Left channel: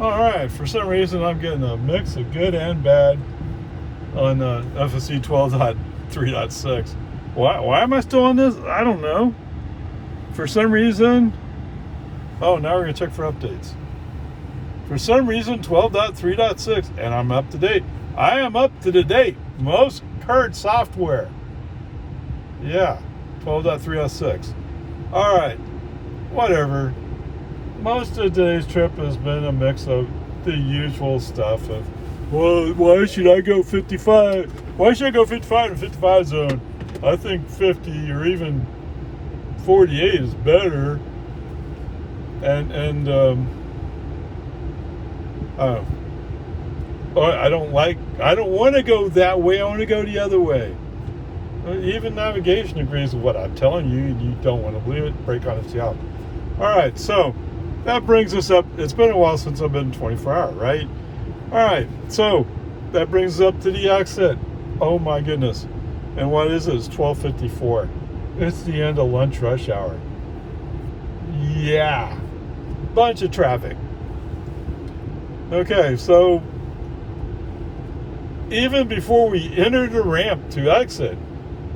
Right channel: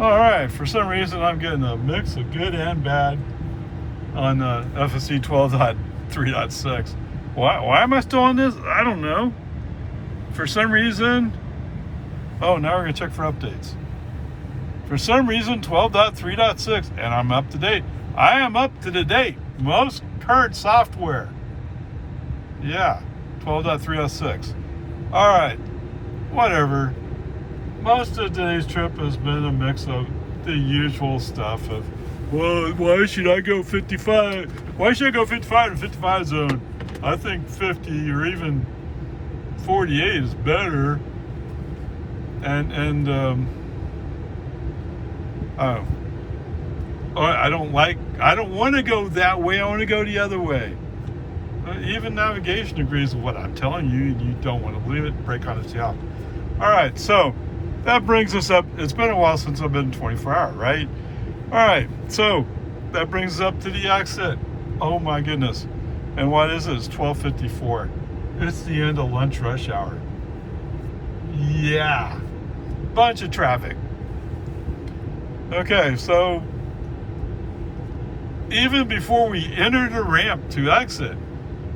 All right, for some reason I'm getting a mix of good and bad on FSC 12.3.6. Why am I still on this? I don't know. For some reason, oh, now we're gonna check for updates. For some reason, 12.3.6, and I'm up to date. I am up to the date. Most current software. Yeah, 12.3.6. All right, whatever. Most of today's trip has been a mix of the usual stuff of, well, why should I go 55? Why should I go 55 in 55 zone? I think 50 or even 48 is better. I don't want to go that way. I want to go the other way. Even navigation agrees with what I'm telling you, and you don't want to believe it. Break on its out. All right, so that brings us up. It's been a while since I've been 24 hour, right? All right, so that brings us up to the exit. Oh my goodness. And what is it? It's 12:54. It's the end of lunch rush hour. Yeah. Bunch of traffic. Okay, so even before we enter the ramp to exit,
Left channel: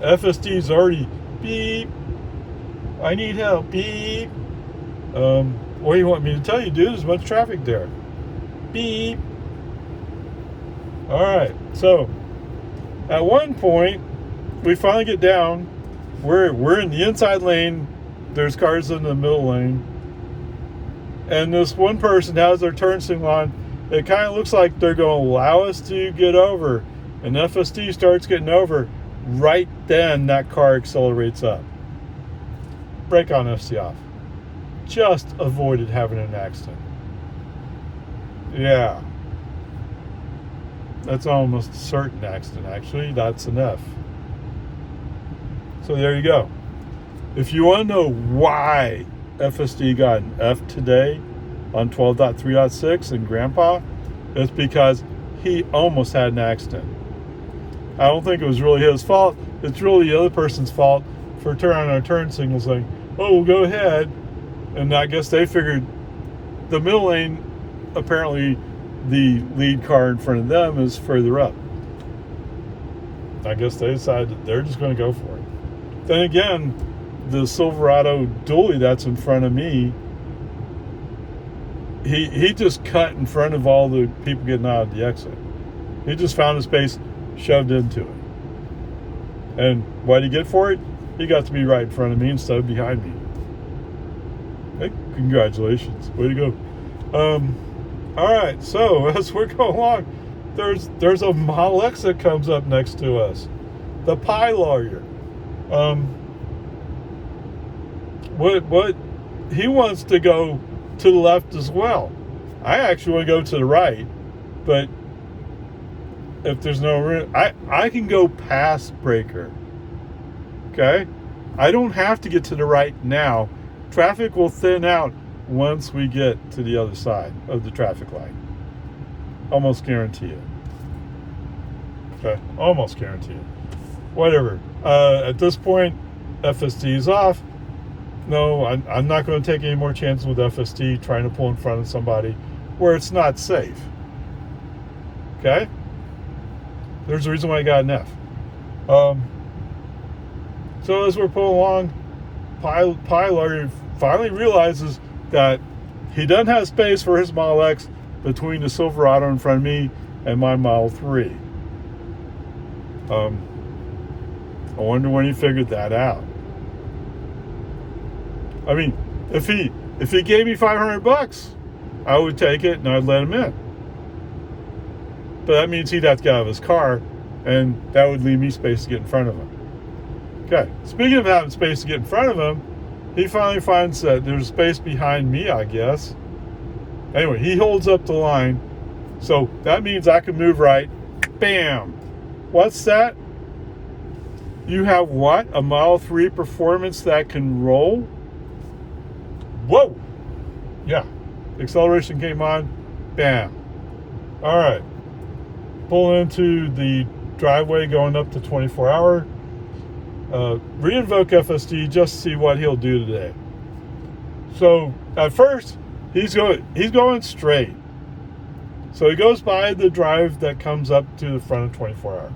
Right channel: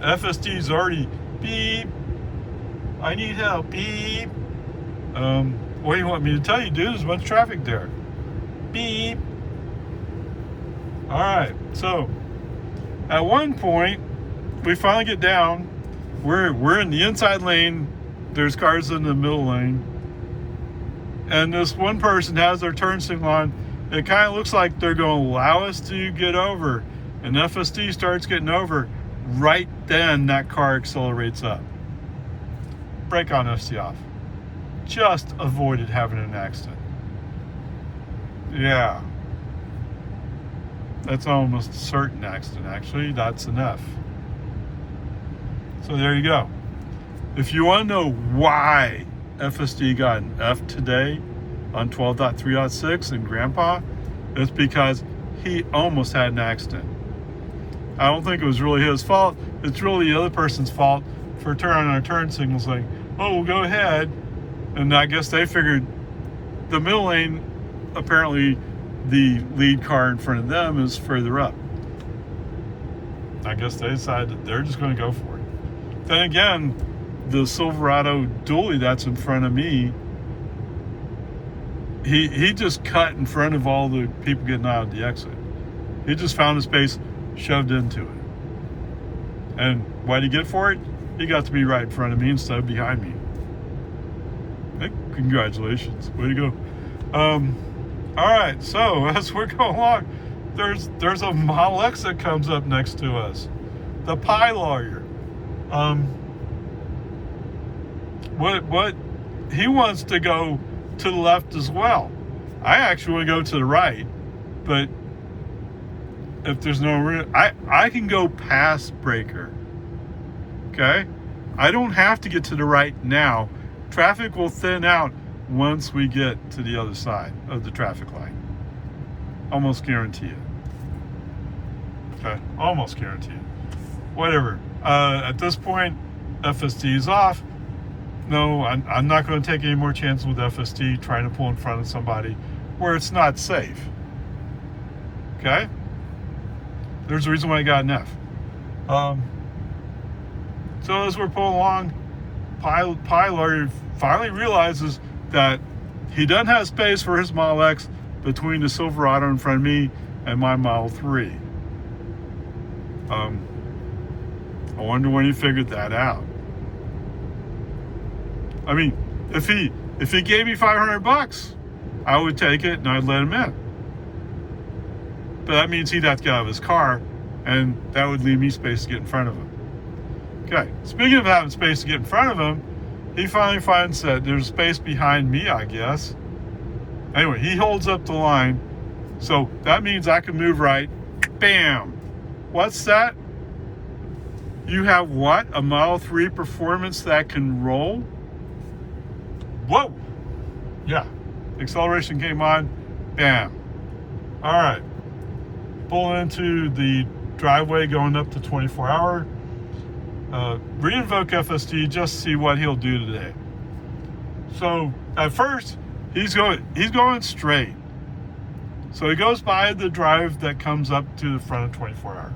FSD's already beep. I need help. Beep. What do you want me to tell you, dude? There's a bunch of traffic there. Beep. All right. So at one point, we finally get down. We're in the inside lane. There's cars in the middle lane, and this one person has their turn signal on. It kind of looks like they're going to allow us to get over, and FSD starts getting over. Right then, that car accelerates up. Brake on FSD off. Just avoided having an accident. Yeah. That's almost a certain accident, actually. That's an F. So there you go. If you want to know why FSD got an F today on 12.3.6 in Grnpa, it's because he almost had an accident. I don't think it was really his fault. It's really the other person's fault for turning on our turn signals saying, oh, well, go ahead. And I guess they figured the middle lane, apparently the lead car in front of them is further up. I guess they decided that they're just going to go for it. Then again, the Silverado dually that's in front of me, he just cut in front of all the people getting out of the exit. He just found a space, shoved into it. And what did he get for it? He got to be right in front of me instead of behind me. Hey, congratulations. Way to go. All right, so as we're going along, there's a Model X that comes up next to us. The Pi lawyer. What he wants to go to the left as well. I actually want to go to the right, but if there's no room, I can go past breaker. Okay? I don't have to get to the right now. Traffic will thin out once we get to the other side of the traffic light. Almost guarantee it. Okay? Almost guarantee it. Whatever. At this point, FSD is off. No, I'm not going to take any more chances with FSD trying to pull in front of somebody where it's not safe. Okay? There's a reason why I got an F. So as we're pulling along, Pi lawyer finally realizes that he doesn't have space for his Model X between the Silverado in front of me and my Model 3. I wonder when he figured that out. I mean, if he gave me $500, I would take it and I'd let him in. But that means he'd have to get out of his car, and that would leave me space to get in front of him. Okay, speaking of having space to get in front of him, he finally finds that there's space behind me, I guess. Anyway, he holds up the line, so that means I can move right. Bam! What's that? You have what? A Model 3 Performance that can roll? Whoa! Yeah, acceleration came on. Bam! All right. Pull into the driveway going up to 24 hour. Reinvoke FSD just to see what he'll do today. So at first he's going straight. So he goes by the drive that comes up to the front of 24 Hour.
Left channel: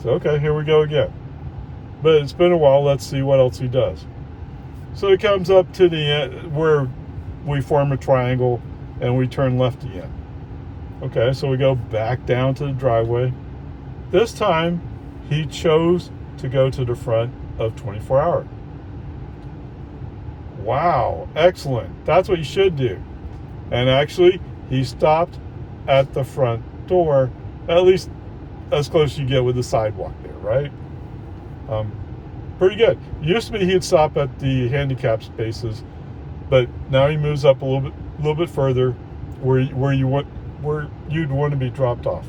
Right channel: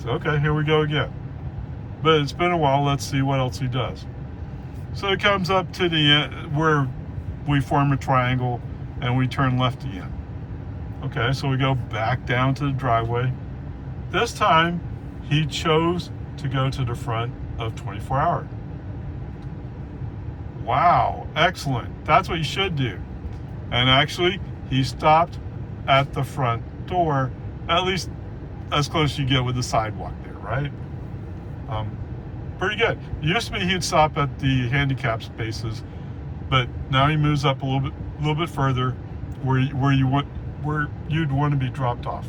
So, okay, here we go again. But it's been a while. Let's see what else he does. So he comes up to the end where we form a triangle and we turn left again. Okay, so we go back down to the driveway. This time, he chose to go to the front of 24 Hour. Wow, excellent. That's what you should do. And actually, he stopped at the front door, at least as close as you get with the sidewalk there, right? Pretty good. Used to be he'd stop at the handicap spaces, but now he moves up a little bit further, where you'd want to be dropped off.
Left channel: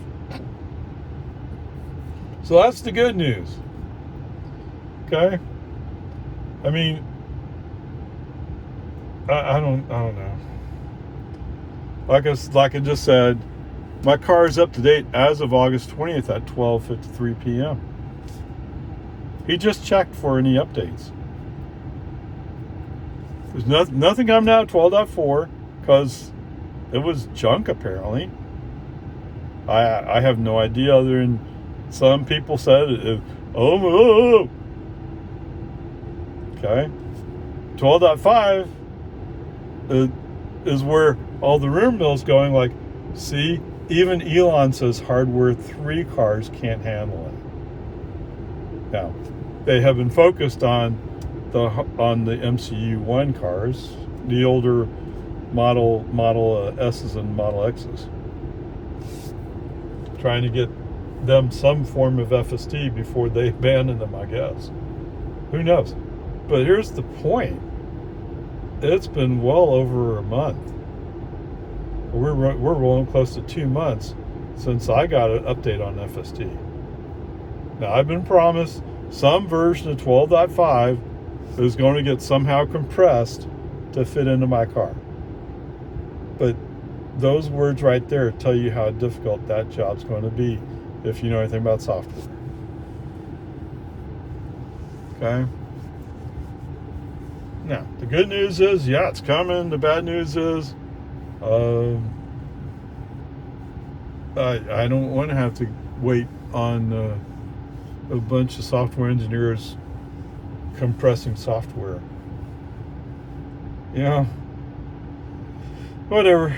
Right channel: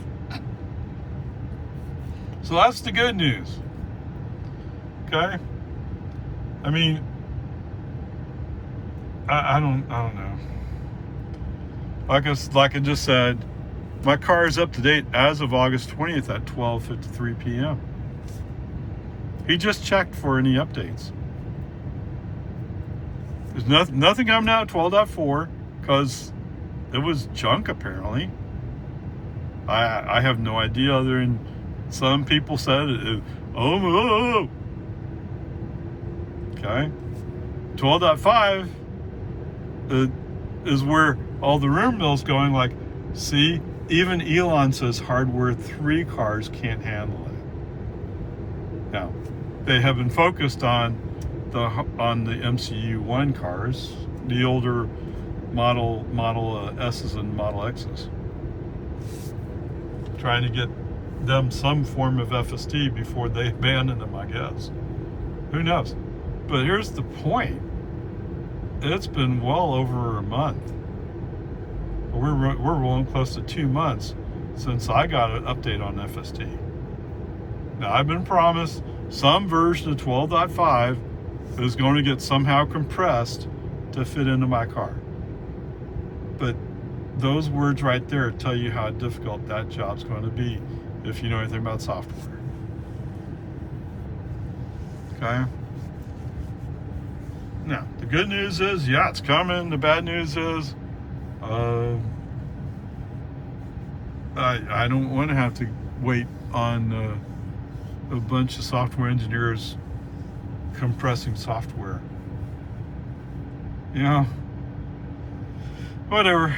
So that's the good news. Okay. I mean, I don't know. Like I just said, my car is up to date as of August 20th at 12:53 p.m. He just checked for any updates. There's nothing coming out of 12.4 because it was junk apparently. I have no idea other than some people said it. Oh. Okay. 12.5 is where all the rumor mill's going, like, see, even Elon says hardware 3 cars can't handle it. Now, they have been focused on the MCU 1 cars, the older Model S's and Model X's, trying to get them some form of FSD before they abandon them, I guess. Who knows? But here's the point. It's been well over a month. We're rolling close to 2 months since I got an update on FSD. Now, I've been promised some version of 12.5 is going to get somehow compressed to fit into my car. But those words right there tell you how difficult that job's going to be if you know anything about software. Okay? Now, the good news is, yeah, it's coming. The bad news is, I don't want to have to wait on a bunch of software engineers compressing software. You know, whatever.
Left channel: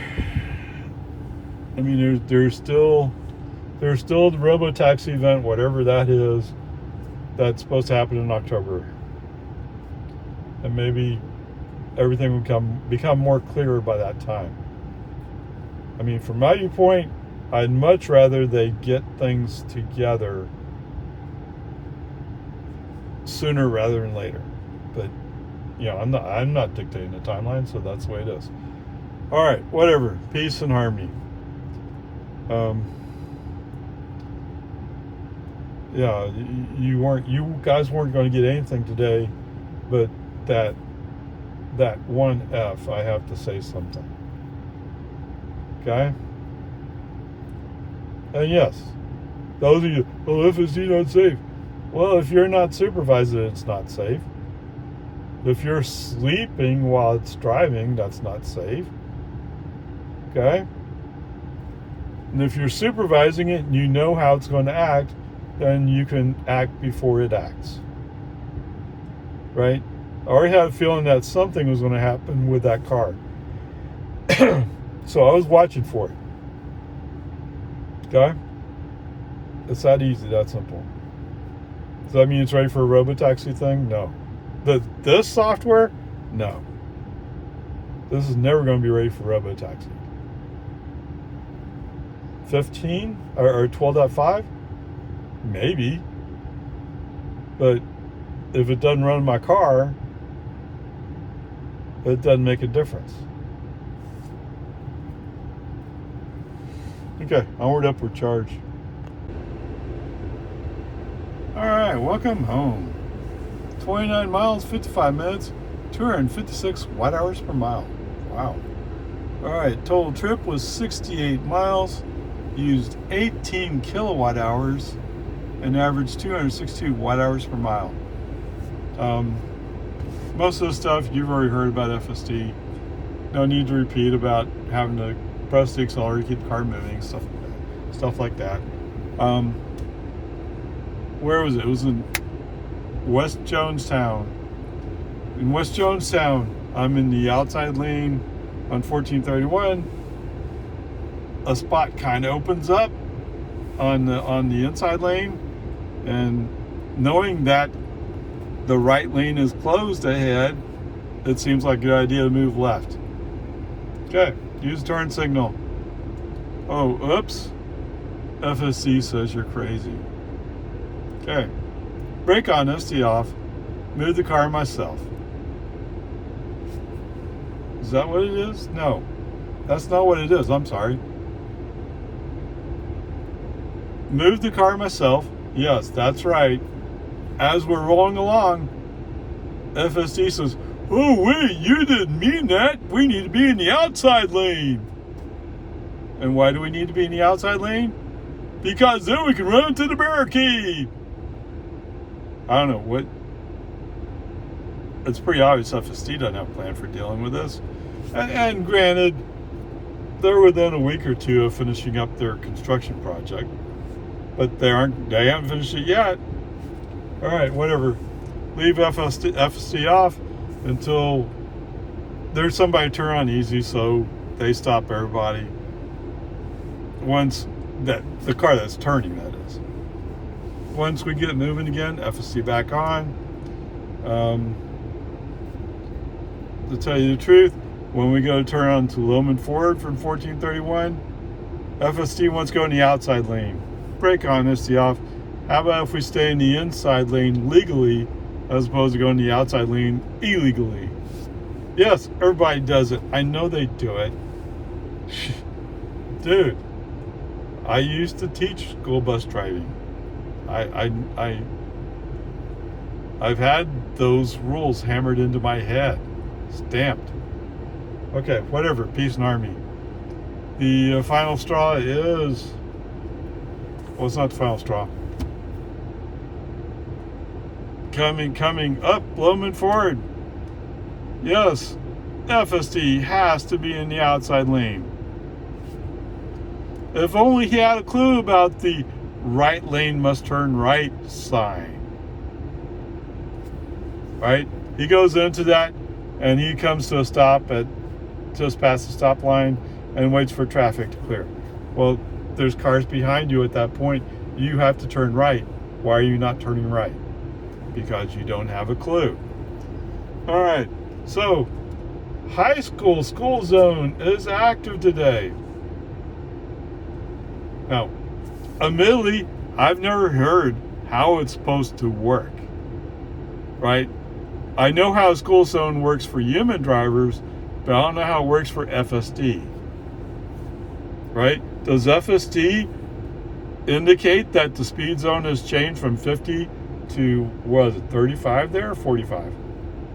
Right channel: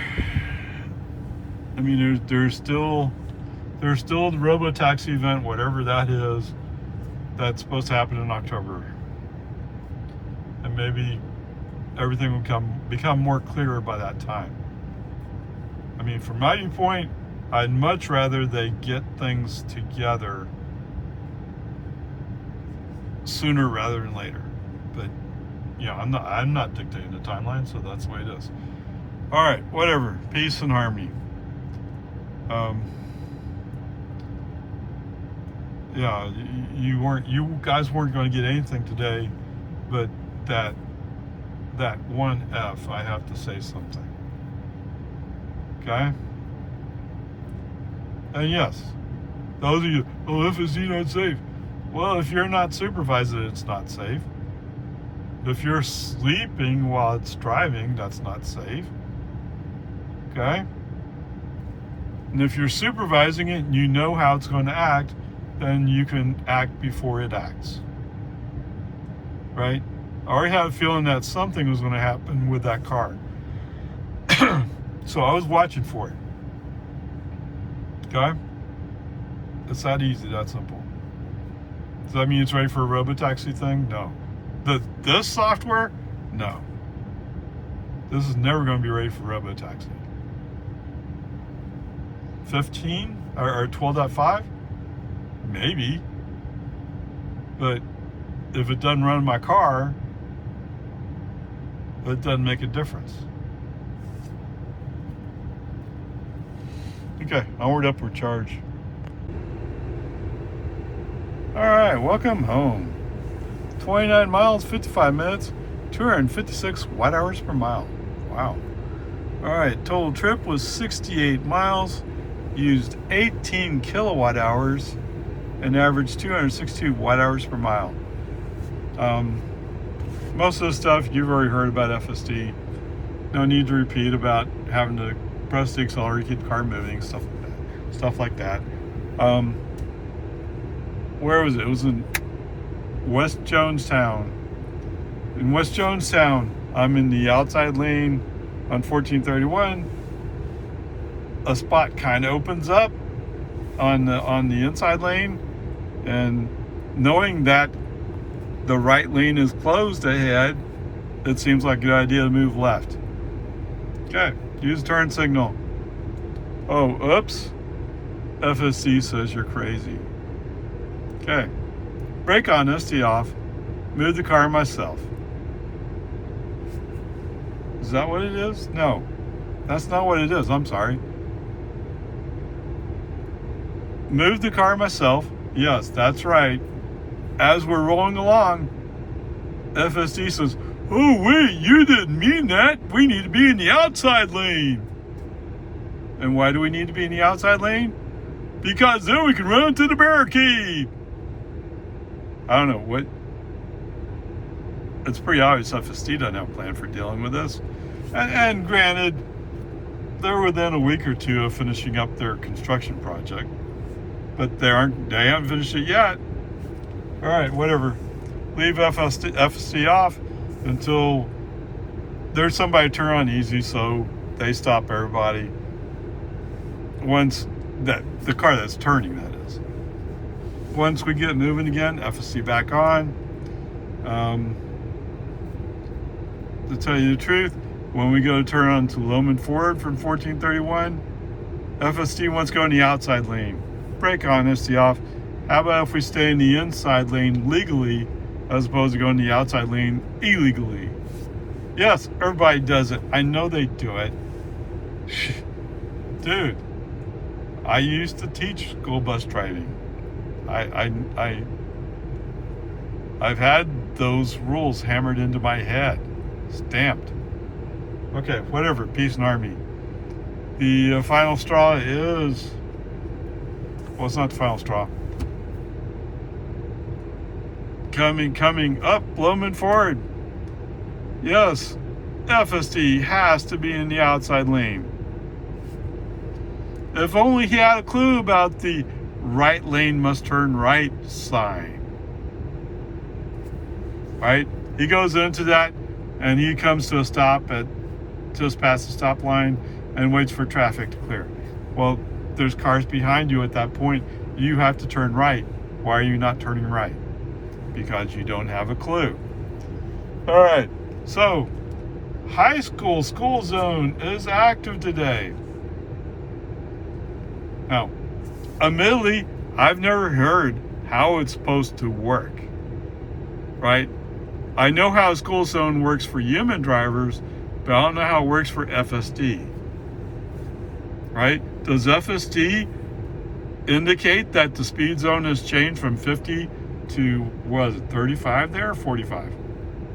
I mean, there's still the robotaxi event, whatever that is, that's supposed to happen in October, and maybe everything will become more clearer by that time. I mean, from my viewpoint, I'd much rather they get things together sooner rather than later. But you know, I'm not dictating the timeline, so that's the way it is. All right, whatever. Peace and harmony. Yeah, you guys weren't going to get anything today, but that one F, I have to say something. Okay? And yes, those of you, FSD not safe. Well, if you're not supervising it, it's not safe. If you're sleeping while it's driving, that's not safe. Okay? And if you're supervising it and you know how it's going to act, then you can act before it acts. Right? I already had a feeling that something was going to happen with that car. So I was watching for it. Okay? It's that easy, that simple. Does that mean it's ready for a robotaxi thing? No. This software? No. This is never going to be ready for robotaxi. 15 or 12.5? Maybe. But if it doesn't run my car, it doesn't make a difference. Okay, upward charge. Alright, welcome home. 29 miles, 55 minutes, 256 watt-hours per mile. Wow. Alright, total trip was 68 miles, used 18 kilowatt hours, and averaged 262 watt-hours per mile. Most of the stuff you've already heard about FSD. No need to repeat about having to press the accelerator, keep the car moving, stuff like that. Where was it? It was in West Jonestown. In West Jonestown, I'm in the outside lane on 1431. A spot kind of opens up on the inside lane, and knowing that the right lane is closed ahead, it seems like a good idea to move left. Okay, use turn signal. Oh, oops. FSC says you're crazy. Okay, brake on, ST off, move the car myself. Is that what it is? No, that's not what it is. I'm sorry. Move the car myself. Yes, that's right. As we're rolling along, FSD says, oh wait, you didn't mean that. We need to be in the outside lane. And why do we need to be in the outside lane? Because then we can run to the barricade. I don't know what. It's pretty obvious FSD doesn't have a plan for dealing with this. And granted, they're within a week or two of finishing up their construction project, but they haven't finished it yet. All right, whatever. Leave FSD off until there's somebody to turn on easy, so they stop everybody. Once the car that's turning, that is. Once we get moving again, FSD back on. To tell you the truth, when we go to turn on to Loman Ford from 1431, FSD wants to go in the outside lane. Brake on, ST off. How about if we stay in the inside lane legally as opposed to going in the outside lane illegally? Yes, everybody does it. I know they do it. Dude, I used to teach school bus driving. I've had those rules hammered into my head, stamped. Okay, whatever, peace and army. The final straw is, well, it's not the final straw. Coming up, Loman Ford. Yes, FSD has to be in the outside lane. If only he had a clue about the right lane must turn right sign. Right? He goes into that and he comes to a stop at just past the stop line and waits for traffic to clear. Well, there's cars behind you at that point. You have to turn right. Why are you not turning right? Because you don't have a clue. All right, so high school school zone is active today. Now, admittedly, I've never heard how it's supposed to work, right? I know how a school zone works for human drivers, but I don't know how it works for FSD, right? Does FSD indicate that the speed zone has changed from 50 to, what is it, 35 there, 45?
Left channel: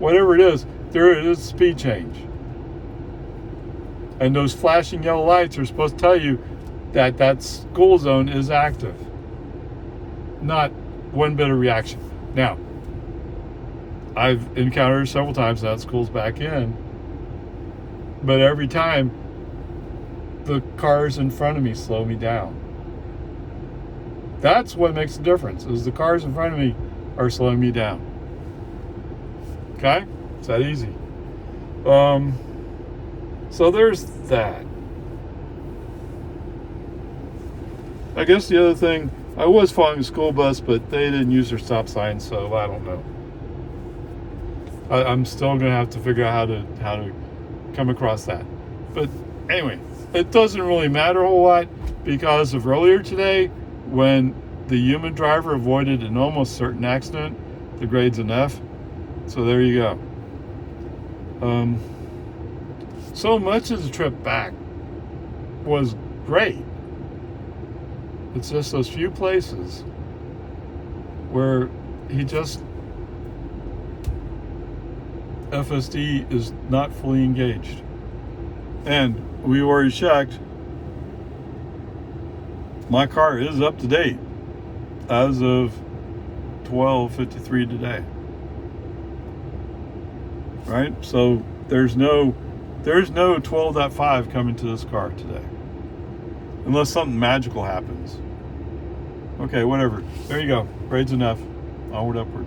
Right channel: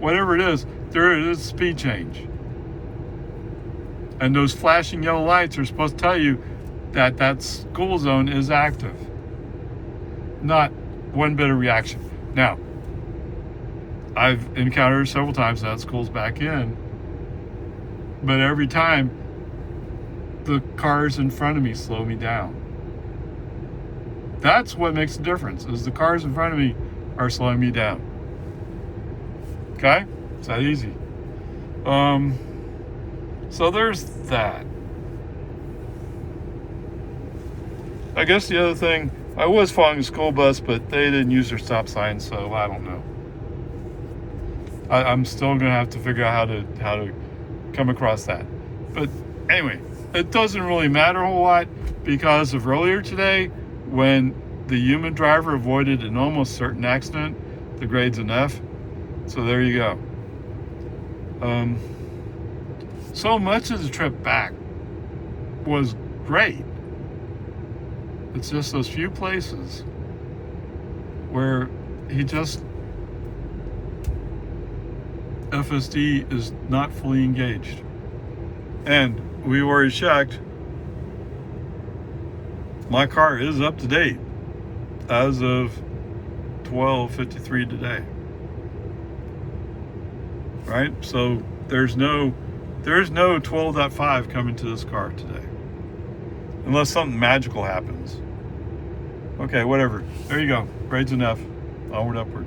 Whatever it is, there is a speed change. And those flashing yellow lights are supposed to tell you that that school zone is active. Not one bit of reaction. Now, I've encountered several times that school's back in, but every time the cars in front of me slow me down. That's what makes the difference, is the cars in front of me are slowing me down. Okay? It's that easy. So there's that. I guess the other thing, I was following a school bus, but they didn't use their stop sign, so I don't know. I'm still gonna have to figure out how to come across that. But anyway, it doesn't really matter a whole lot, because of earlier today when the human driver avoided an almost certain accident, the grade's an F. So there you go. So much of the trip back was great. It's just those few places where FSD is not fully engaged. And we already checked. My car is up to date as of 12:53 today. Right? So there's no There's no 12.5 coming to this car today. Unless something magical happens. Okay, whatever. There you go. Grade's enough. Onward, upward.